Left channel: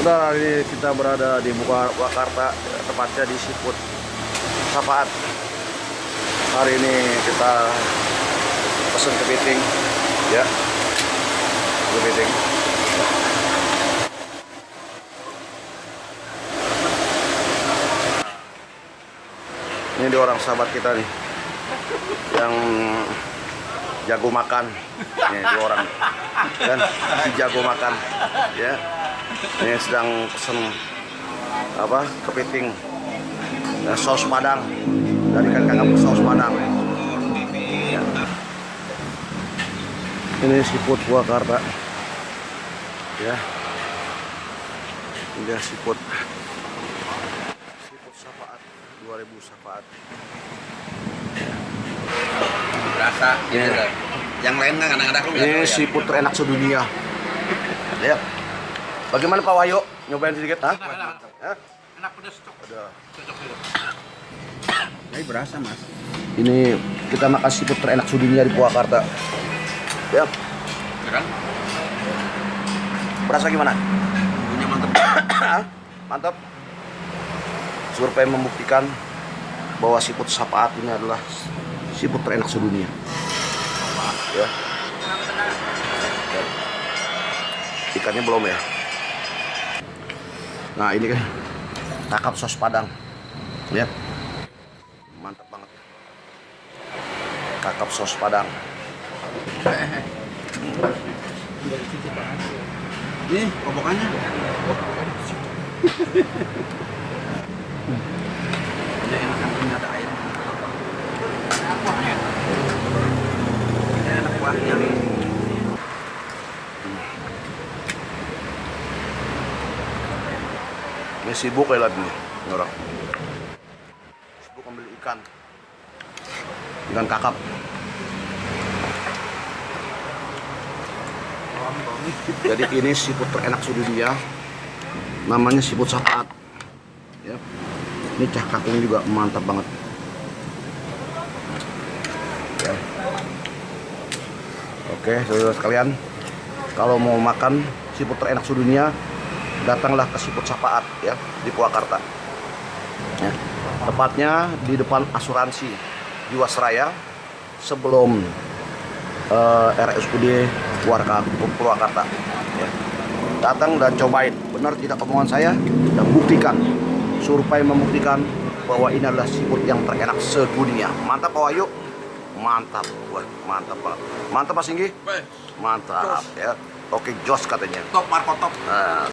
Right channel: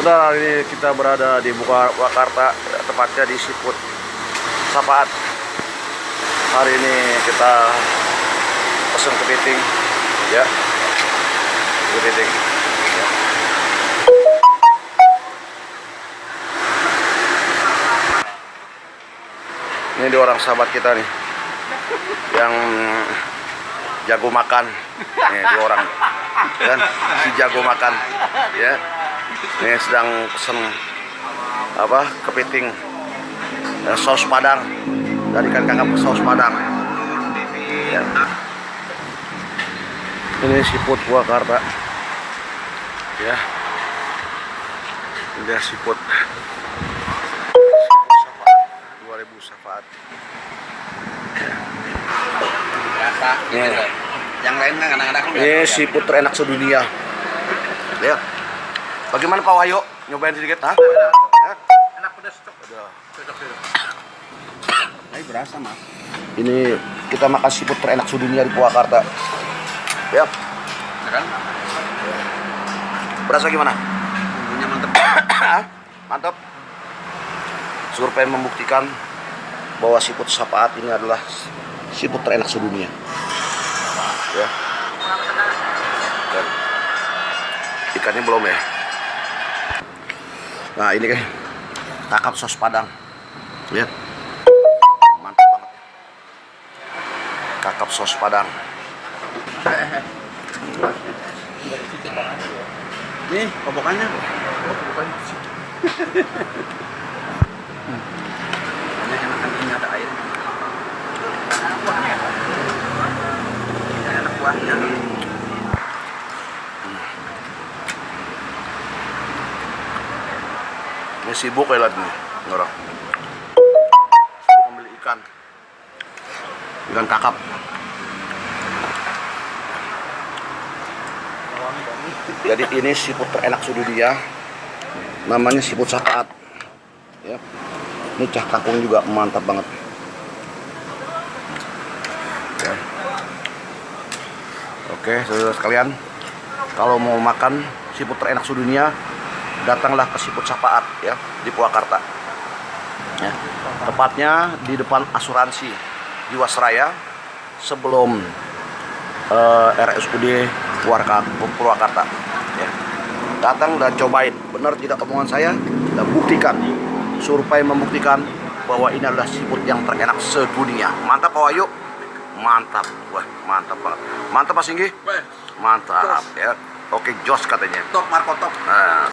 Saudara, hari ini kita berada di Purwakarta, tepatnya di Siput Sapaat. Hari ini kita pesen kepiting, ya, kepiting. Ini dia orang sahabat kita nih, yang jago makan. Nih dia orang, kan, si jago makan, ya. Ini sedang pesen apa, kepiting, ya, saus padang dari ikan kakap saus padang, ya. Ini Siput Purwakarta, ya. Ini dia Siput Sapaat 2000 Sapaat, ya. Berasa Ya. yang lain anak-anak Ini siput terenak sedunia, ya. Bagaimana Pak Wahyu? Nyobain sedikit, ha? enak pedas cocok. Ini berasa mas. Ini kita makan siput terenak sedunia di Purwakarta, ya. Ya kan? Berasa gimana? Bumbunya mantep. Mantap. Survei membuktikan bahwa siput Sapaat ini adalah siput terenak sedunia, ya. Dan ikannya belum, ya. Nah, ini kan kakap saus padang, lihat, mantap banget. Kakap saus padang. Nih kobokannya. Ini enakan ini ada air. Ini enak kuahnya. Ini sibuk ya nih orang. Sibuk ambil ikan kakap. Jadi ini siput terenak sedunia, namanya siput Sapaat, ya. Ini cah kakung juga mantap banget, ya. Oke, saudara sekalian, kalau mau makan siput terenak sedunia, datanglah ke Siput Sapaat, ya, di Purwakarta, ya. Tepatnya di depan asuransi Jiwasraya sebelum RSUD Purwakarta, ya. Datang dan cobain, benar tidak omongan saya, dan buktikan, survei membuktikan bahwa ini adalah siput yang terenak sedunia. Mantap Pak Wahyu, mantap, wah mantap banget, mantap Pak Singgi, mantap, ya. Oke, jos katanya. Top Marco top. Nah.